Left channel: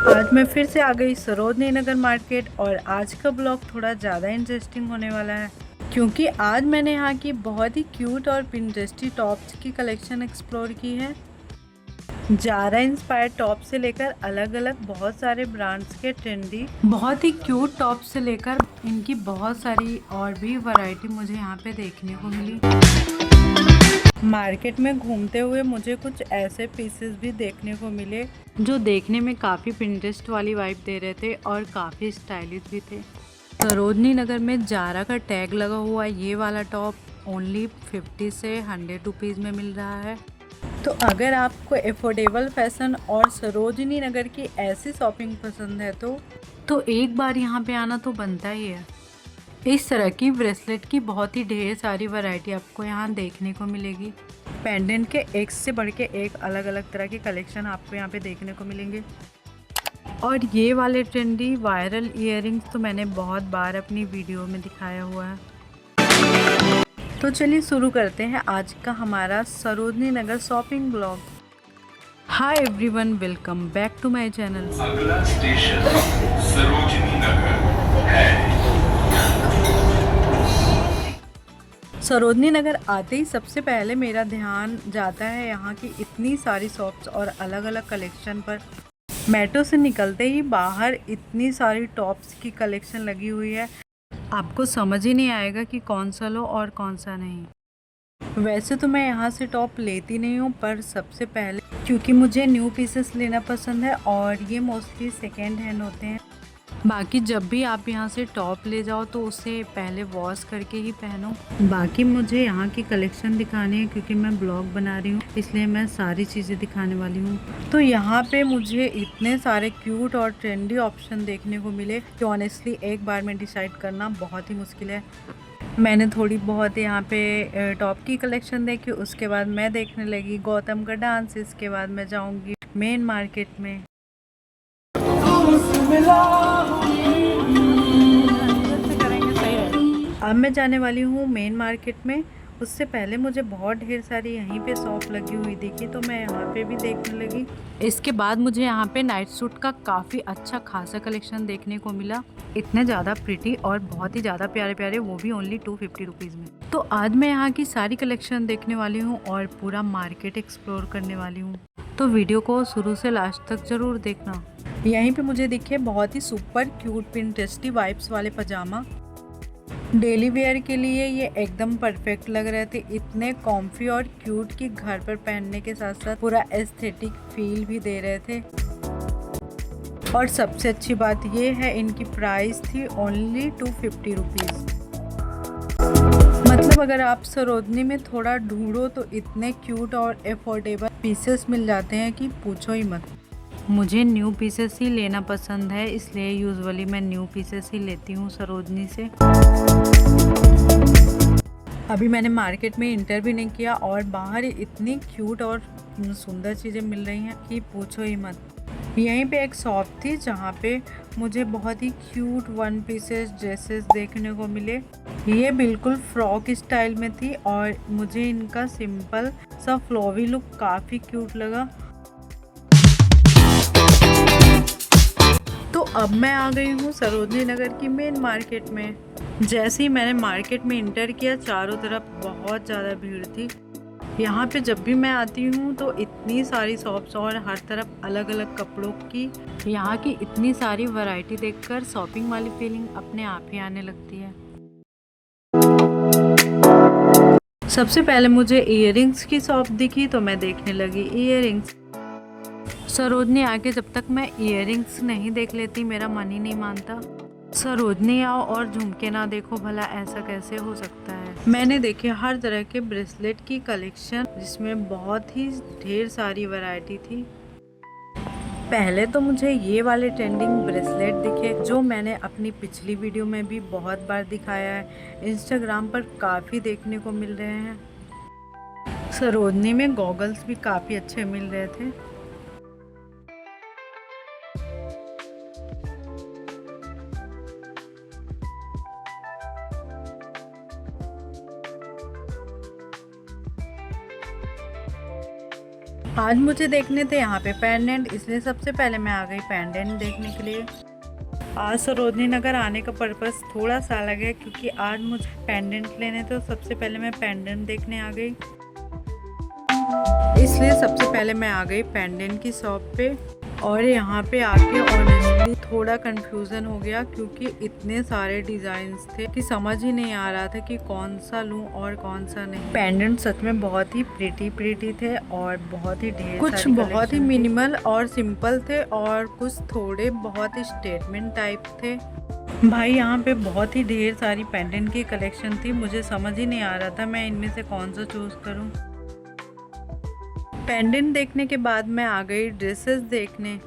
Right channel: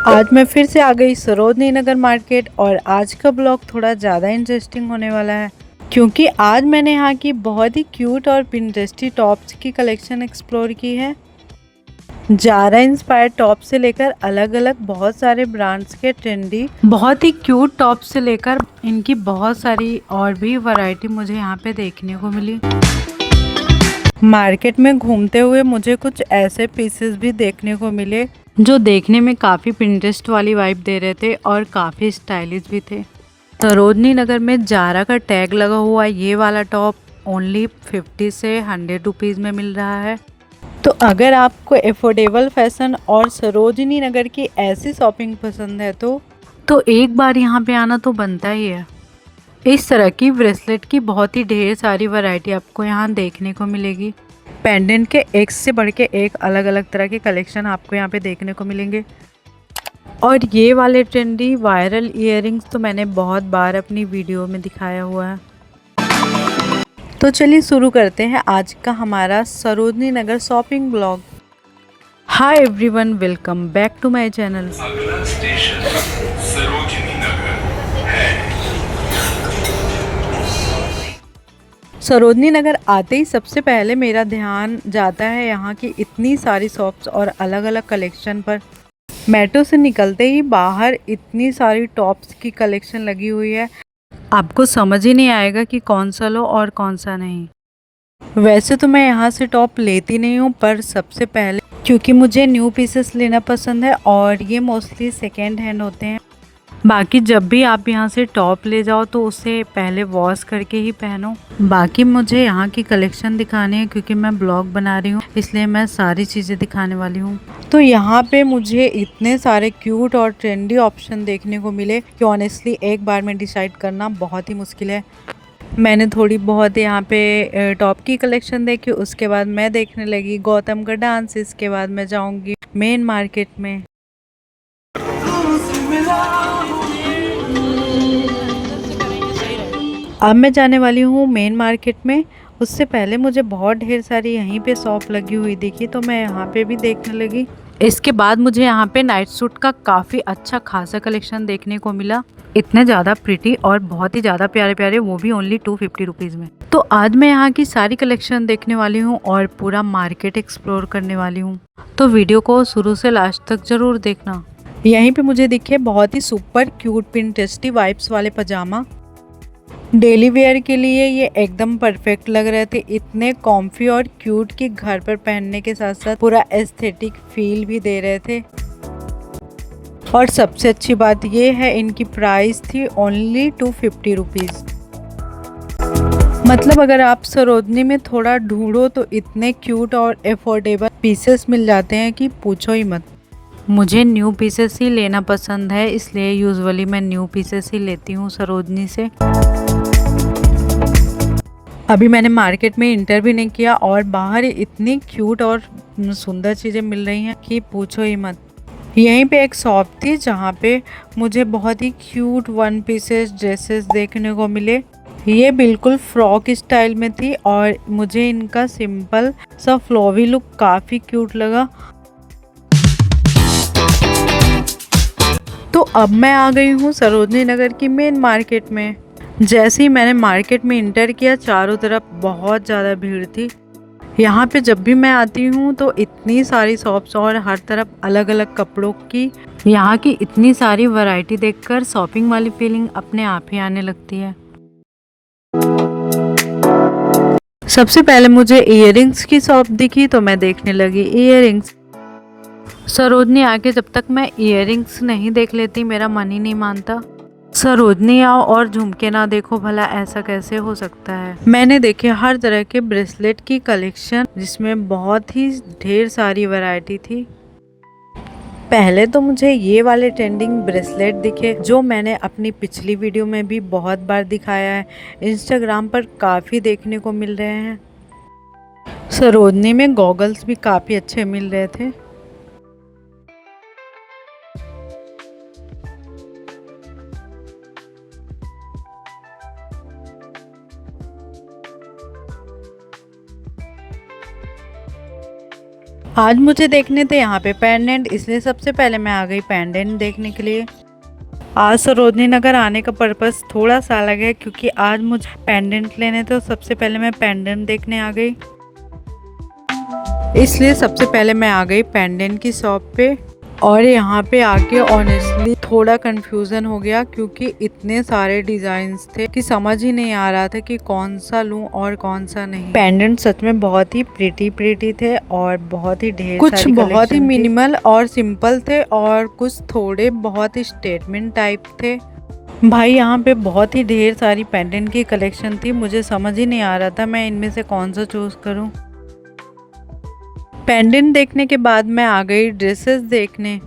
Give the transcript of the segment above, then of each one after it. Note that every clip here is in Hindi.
आज मैं फिर से आ गई सरोजनी नगर मार्केट और आज का ब्लॉग थोड़ा ज़्यादा इंटरेस्टिंग होने वाला है क्योंकि आज मैंने यहाँ की बहुत ही क्यूट और पिंटरेस्टी टॉप्स की कलेक्शन एक्सप्लोर की है। जारा इंस्पायर्ड टॉप से लेकर अलग अलग बहुत सारे ब्रांड्स के ट्रेंडी बहुत ही क्यूट टॉप से लेकर इनकी बहुत सारी और भी वैरायटी मुझे यहाँ पे देखने को मिली। मार्केट में घूमते हुए मुझे कुछ ऐसे पीसेस भी देखने को मिले जो देखने में काफ़ी पिंटरेस्ट वाली वाइब दे रहे थे और काफ़ी स्टाइलिश भी थे। सरोजनी नगर में जारा का टैग लगा हुआ ये वाला टॉप ओनली 50 से 100 रुपीज़ में मिल रहा है। तो अगर आपको एफोर्डेबल फैशन और सरोजनी नगर की ऐसी शॉपिंग पसंद है तो एक बार यहाँ पे आना तो बनता ही है। इस तरह की ब्रेसलेट की बहुत ही ढेर सारी वैरायटी आपको यहाँ देखने को मिलेगी। पेंडेंट के एक से बढ़ के एक अलग अलग तरह के कलेक्शन आपको यहाँ पे देखने को मिलेंगे। और ये वाले ट्रेंडी वायरल इयररिंग्स तो मैंने बहुत बार अपनी वीडियो में दिखाया हुआ है। तो चलिए शुरू करते हैं आज का हमारा Sarojini Nagar shopping blog. Hi everyone, welcome back to my channel. अगला स्टेशन सरोजनी नगर है। सरोजनी नगर आते ही सबसे पहले मेरा ध्यान जाता है यहाँ की इतनी सारी शॉप्स और अलग अलग कलेक्शन पर। मेट्रो से निकलते ही बाहर इतनी सारी टॉप्स की कलेक्शन लगी हुई है, आपको समझ ही नहीं आएगा कि कौन सा लो और कौन सा नहीं। वैसे तो मैं यहाँ से टॉप लेती नहीं हूँ, पर सबसे पहले क्योंकि मुझे न्यू पीसेस लेना पसंद है और ये मोस्टली सेकेंड हैंड होते हैं। बाकी जब भी आप यहाँ से टॉप ले जाओ तो उसे पहले वॉश करके ही पहनो। बाकी मुझे यहाँ की कलेक्शन दिखानी है क्योंकि मैं ब्लॉग बना रही हूँ, इसलिए मैं सारी चीज़ें दिखाने वाली हूँ। तो यहाँ पे मुझे इतने सारे क्यूट और ट्रेंडी ऑप्शन देखने को मिले कि ऑनेस्टली एक बार में डिसाइड करना बहुत ही मुश्किल है। मैंने थोड़ी बहुत यहाँ पे टॉप की कलेक्शन देखी, उसके बाद मैं देखने लगी गौतम का डांस, इसके बाद मैं जाऊँगी मेन मार्केट में। अब मैं जाने वाली हूँ मेन मार्केट में। उससे पहले मुझे बहुत ढेर सारी यहीं पे शॉप लगी हुई दिखी तो मैं यहाँ पे भी देखने लगी। इसके बाद मुझे यहाँ पे नाइट सूट का काफ़ी अच्छा खासा कलेक्शन देखने को मिला। इतने ज़्यादा प्रिटी और बहुत ही ज़्यादा प्यारे प्यारे, वो भी ओनली 250 रुपीज़ में। तो आज मैं यहाँ की सारी कलेक्शन देखने वाली हूँ और पूरा मार्केट एक्सप्लोर करने वाली हूँ, तो वीडियो को शुरू से लास्ट तक ज़रूर देखना। यहीं पे मुझे दिखे बहुत ही सुपर क्यूट पिंटरेस्टी वाइब्स वाले पजामा। डेली वेयर के लिए ये एकदम परफेक्ट लग रहे थे, इतने कॉम्फी और क्यूट कि घर पर पहनने के साथ साथ पूरा एस्थेटिक फील भी दे रहे थे। और सबसे अच्छी बात ये है इनकी प्राइस थी ओनली 250 रुपीज़। मतलब अगर आप सरोजनी में थोड़ा ढूंढो तो इतने क्यूट और अफोर्डेबल पीसेस मिल जाते हैं कि पूछो ही मत। मुझे न्यू पीसेस ही लेना पसंद है, इसलिए यूजुअली मैं न्यू पीसेस ही लेती हूँ सरोजनी से। अभी मैंने मार्केट में इंटर भी नहीं किया और बाहर इतनी क्यूट और सुंदर चीज़ें मिल रही हैं कि पूछो ही मत। यहीं पे एक शॉप थी जहाँ पे मुझे बहुत ही क्यूट वन पीसेस ड्रेसेस देखने को मिले। ये बिल्कुल फ्रॉक स्टाइल में थी और मुझे इनका सिंपल सा फ्लोवी लुक काफ़ी क्यूट लगा। तो अब मैं आ गई हूँ सरोजनी नगर की मेन मार्केट में। जैसे ही मैंने मार्केट में इंटर किया चारों तरफ बहुत ज़्यादा भीड़ थी। यहाँ पे जब भी मैं आती हूँ तो इतनी सारी शॉप्स और हर तरफ अलग अलग कपड़ों की यहाँ की इतनी सारी वैरायटी देखकर शॉपिंग वाली फीलिंग अपने आप ही आने लगती है। सबसे पहले मुझे इयररिंग्स की शॉप दिखी तो मैं देखने लगी इयररिंग्स। सरोजनी आके जब तक मैं इयररिंग्स नहीं देख लेती मेरा मन ही नहीं मानता। सरोजनी आओ और झुमके ना देखो, भला ऐसा कैसे हो सकता है। मैंने देखे हर तरह के ब्रेसलेट की कलेक्शन जिसमें बहुत ही ढेर सारी वैरायटी थी। पहले तो मुझे ये वाले ट्रेंडिंग ब्रेसलेट दिखे जो मैंने अपनी पिछली वीडियो में भी बहुत बार दिखाया है, इंस्टाग्राम पर काफ़ी देखने को मिल रहे हैं। सरोजनी में गॉगल्स भी काफ़ी अच्छे मिल रहे थे। आज मुझे देखने थे यहाँ पे पेंडेंट, इसलिए सबसे पहले मैं आ गई पेंडेंट देखने के लिए। आज सरोजनी नगर आने का पर्पस थोड़ा सा अलग है, क्योंकि आज मुझे पेंडेंट लेने थे, तो सबसे पहले मैं पेंडेंट देखने आ गई। इसलिए सबसे पहले मैं आ गई पेंडेंट की शॉप पे। और यहाँ पे आके ऑनेस्टली थोड़ा कंफ्यूजन हो गया, क्योंकि इतने सारे डिजाइन्स थे कि समझ ही नहीं आ रहा था कि कौन सा लूं और कौन सा नहीं। पेंडेंट सच में बहुत ही प्रिटी थे और बहुत ही ढेर कुछ बहुत ही मिनिमल और सिंपल थे, और कुछ थोड़े बहुत ही स्टेटमेंट टाइप थे। भाई यहाँ पे बहुत ही ढेर सारी पेंडेंट की कलेक्शन थी, मुझे समझ ही नहीं आ रहा था मैं इनमें से कौन सा चूज करूं। पेंडेंट देखने के बाद मैं आ गई ड्रेसेस देखने।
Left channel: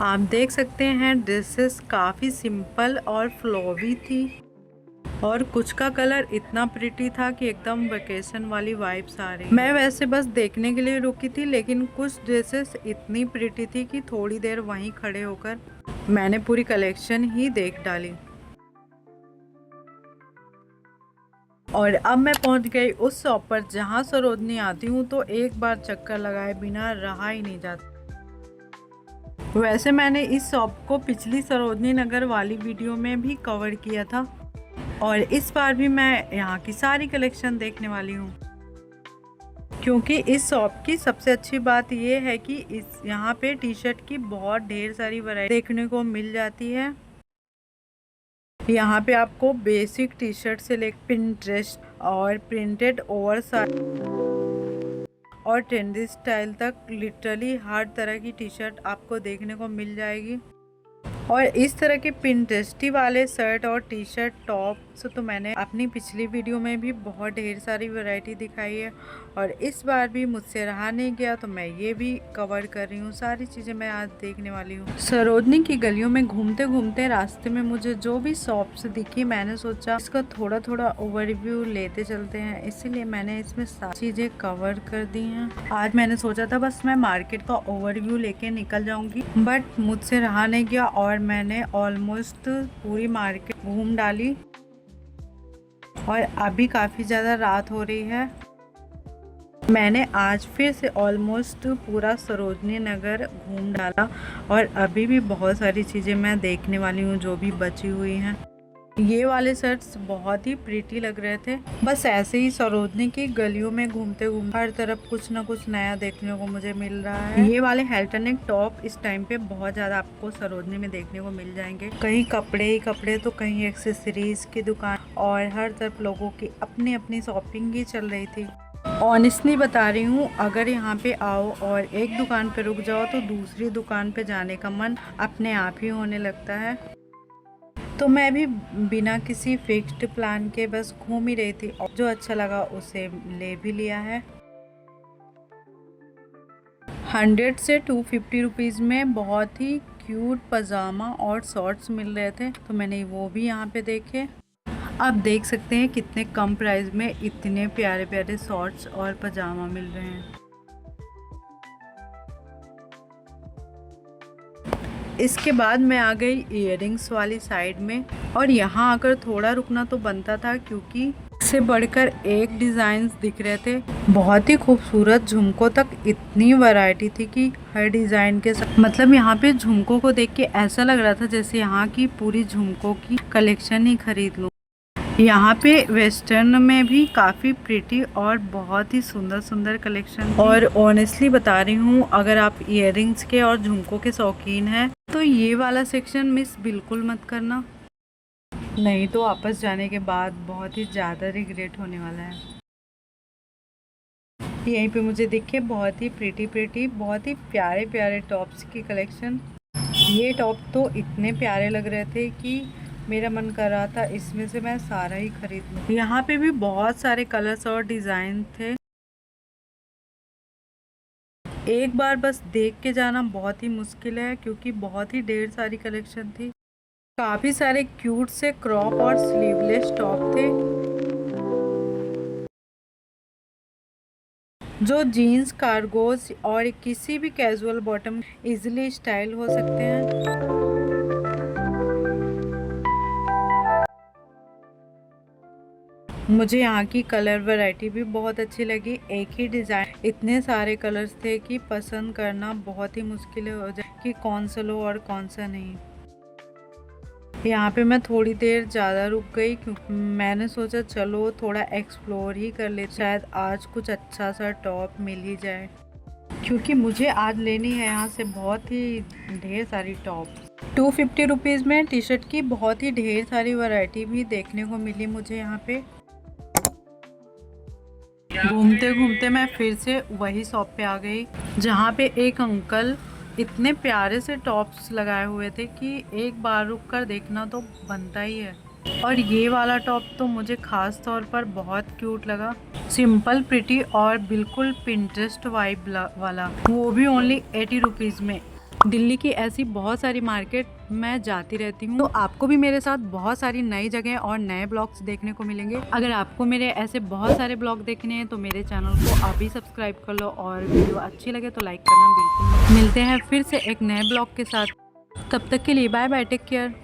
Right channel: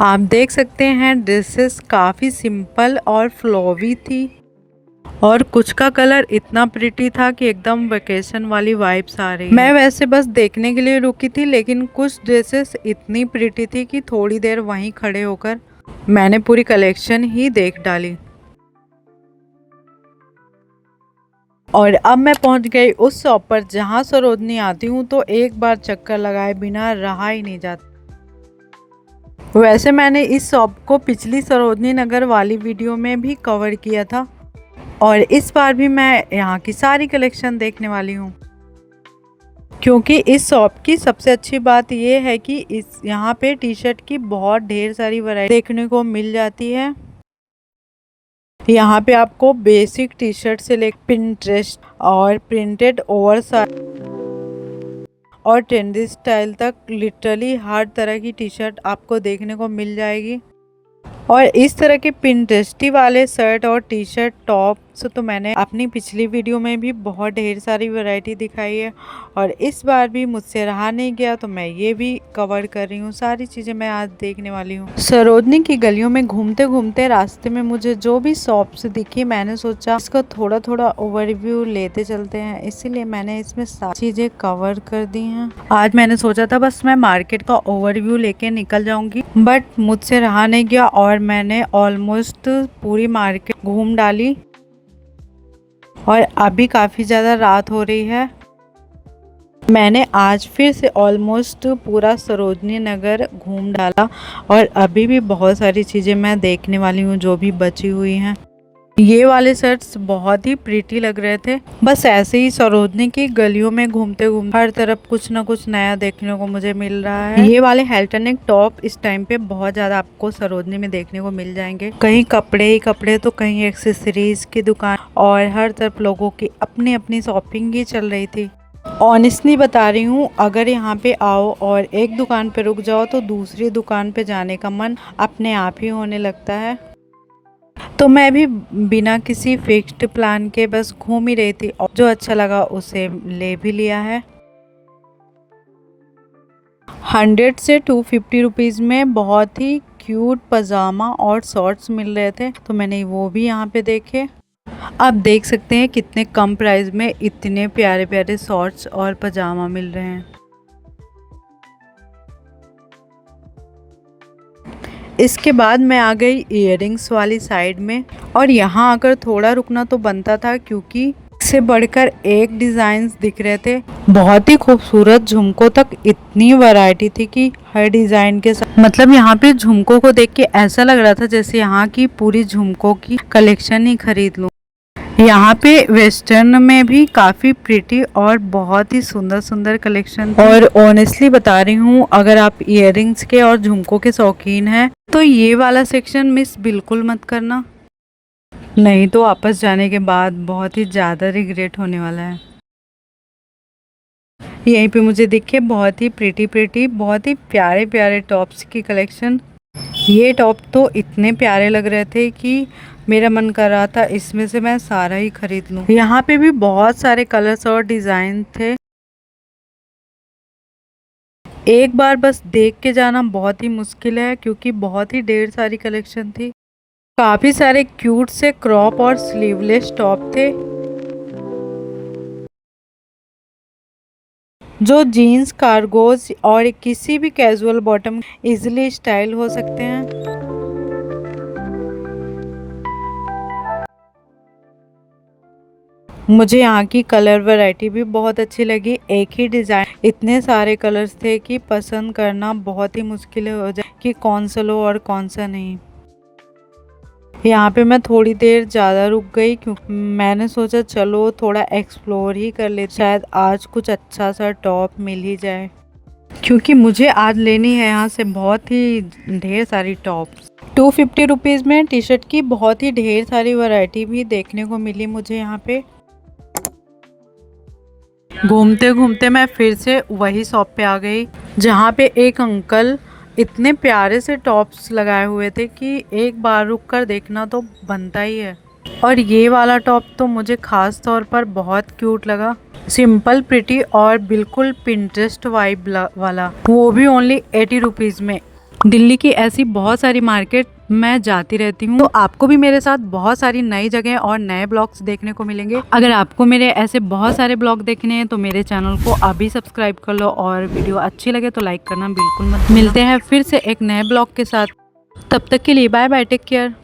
आप देख सकते हैं ड्रेसेस काफ़ी सिंपल और फ्लोवी थी, और कुछ का कलर इतना प्रिटी था कि एकदम वेकेशन वाली वाइब्स आ रही। मैं वैसे बस देखने के लिए रुकी थी, लेकिन कुछ ड्रेसेस इतनी प्रिटी थी कि थोड़ी देर वहीं खड़े होकर मैंने पूरी कलेक्शन ही देख डाली। और अब मैं पहुंच गई उस शॉप पर जहां सरोजनी आती हूँ तो एक बार चक्कर लगाए बिना रहा ही नहीं जाता। वैसे मैंने इस शॉप को पिछली सरोजनी नगर वाली वीडियो में भी कवर किया था, और इस बार भी मैं यहाँ की सारी कलेक्शन देखने वाली हूँ। क्योंकि इस शॉप की सबसे अच्छी बात ये है कि इस यहाँ पे टी शर्ट की बहुत ढेर सारी वैरायटी देखने को मिल जाती है। यहाँ पे आपको बेसिक टी शर्ट से लेकर पिंटरेस्ट और प्रिंटेड ओवरसाइज और ट्रेंडी स्टाइल तक लिटरली हर तरह की टी शर्ट आपको देखने को मिल जाएगी। और इस तरह के पिंटरेस्टी वाले शर्ट और टी शर्ट टॉप्स तो मैंने अपनी पिछली वीडियो में भी बहुत ढेर सारी वैरायटी दिखाई है, और इस बार भी मुझसे रहा नहीं गया तो मैं ये भी कवर कर रही हूँ। सारी चीज़ें मैं आज देखने वाली हूँ। सरोजनी की गलियों में घूमते घूमते रास्ते में मुझे जो भी शॉप्स दिखी, मैंने सोचा इसका थोड़ा थोड़ा ओवरव्यू लेते चलते हैं, इसीलिए मैंने इसमें सारी चीज़ें कवर कर दी हैं। आज मैंने सोचा था बस मैं मार्केट का ओवरव्यू लेके निकल जाऊंगी, बट मुझसे रहा नहीं गया और मैंने ऑलमोस्ट पूरी मार्केट घूम डाली। और अभी काफ़ी ज़्यादा रात हो रही है। मैंने आज फिर से ऑलमोस्ट पूरा सरोजनी नगर घूम डाला, और अभी भी बहुत सारी चीज़ें मैं देखने वाली हूँ जो भी बची हुई हैं। ये वाले शर्ट्स बहुत ही प्रिटी लग रहे थे। बस ऐसे ही सरोजनी की गलियों में घूमते घूमते हर तरफ कुछ ना कुछ नया देखने को मुझे मिल रहा है। ये वाले हेल्टनिक टॉप इस टाइम पे बहुत ज्यादा आपको सरोजनी में देखने को मिल जाएंगे। कहीं कपड़े ही कपड़े तो कहीं एक्सेसरीज की दुकान, और हर तरफ लोगों की अपनी अपनी शॉपिंग ही चल रही थी। ऑनेस्टली बता रही हूँ, अगर यहाँ पे आओ और एक दुकान पे रुक जाओ तो दूसरी दुकान पे जाने का मन अपने आप ही होने लगता है। तो मैं भी बिना किसी फिक्स्ड प्लान के बस घूम ही रही थी, और जो अच्छा लगा उसे ले भी लिया है। 100 से 250 रुपीज़ में बहुत ही क्यूट पजामा और शॉर्ट्स मिल रहे थे, तो मैंने वो भी यहाँ पे देखे। आप देख सकते हैं कितने कम प्राइस में इतने प्यारे प्यारे शॉर्ट्स और पजामा मिल रहे हैं। इसके बाद मैं आ गई इयररिंग्स वाली साइड में, और यहाँ आकर थोड़ा रुकना तो बनता था, क्योंकि इससे बढ़कर एक डिज़ाइंस दिख रहे थे। बहुत ही खूबसूरत झुमकों तक इतनी वैरायटी थी कि हर डिज़ाइन के साथ, मतलब यहाँ पे झुमकों को देख के ऐसा लग रहा था जैसे यहाँ की पूरी झुमकों की कलेक्शन ही खरीद लूँ। यहाँ पे वेस्टर्न में भी काफ़ी प्रिटी और बहुत ही सुंदर सुंदर कलेक्शन, और ऑनेस्टली बता रही हूँ, अगर आप इयररिंग्स के और झुमकों के शौकीन हैं तो ये वाला सेक्शन मिस बिल्कुल मत करना, नहीं तो वापस जाने के बाद बहुत ही ज़्यादा रिग्रेट होने वाला है। यहीं पे मुझे दिखे बहुत ही प्रिटी बहुत ही प्यारे प्यारे टॉप्स की कलेक्शन। ये टॉप तो इतने प्यारे लग रहे थे कि मेरा मन कर रहा था इसमें से मैं सारा ही खरीद लूं। यहाँ पे भी बहुत सारे कलर्स और डिज़ाइन थे। एक बार बस देख के जाना बहुत ही मुश्किल है, क्योंकि बहुत ही ढेर सारी कलेक्शन थी। काफ़ी सारे क्यूट से क्रॉप और स्लीवलेस टॉप थे, जो जीन्स, कार्गोज और किसी भी कैजुअल बॉटम इजीली स्टाइल हो सकते हैं। मुझे यहाँ की कलर वैरायटी भी बहुत अच्छी लगी। एक ही डिज़ाइन इतने सारे कलर्स थे कि पसंद करना बहुत ही मुश्किल हो जाए कि कौन सा लो और कौन सा नहीं। यहाँ पे मैं थोड़ी देर ज़्यादा रुक गई क्योंकि मैंने सोचा चलो थोड़ा एक्सप्लोर ही कर ले, शायद आज कुछ अच्छा सा टॉप मिल ही जाए, क्योंकि मुझे आज लेनी है यहाँ से बहुत ही ढेर सारी टॉप्स। 250 रुपीज़ में टी शर्ट की बहुत ही ढेर सारी वैरायटी भी देखने को मिली मुझे यहाँ पे। घूमते घूमते मैं फिर से वही शॉप पे आ गई जहाँ पे एक अंकल इतने प्यारे से टॉप्स लगाए हुए थे कि एक बार रुक कर देखना तो बनता ही है। और ये वाला टॉप तो मुझे ख़ास तौर पर बहुत क्यूट लगा, सिंपल प्रिटी और बिल्कुल पिंटरेस्ट वाइब वाला, वो भी ओनली 80 रुपीज़ में। दिल्ली की ऐसी बहुत सारी मार्केट मैं जाती रहती हूँ, तो आपको भी मेरे साथ बहुत सारी नई जगह और नए ब्लॉग्स देखने को मिलेंगे। अगर आपको मेरे ऐसे बहुत सारे ब्लॉग देखने हैं तो मेरे चैनल को अभी सब्सक्राइब कर लो, और वीडियो अच्छी लगे तो लाइक करना बिल्कुल मत। मिलते हैं फिर से एक नए ब्लॉग के साथ, तब तक के लिए बाय बाय, टेक केयर।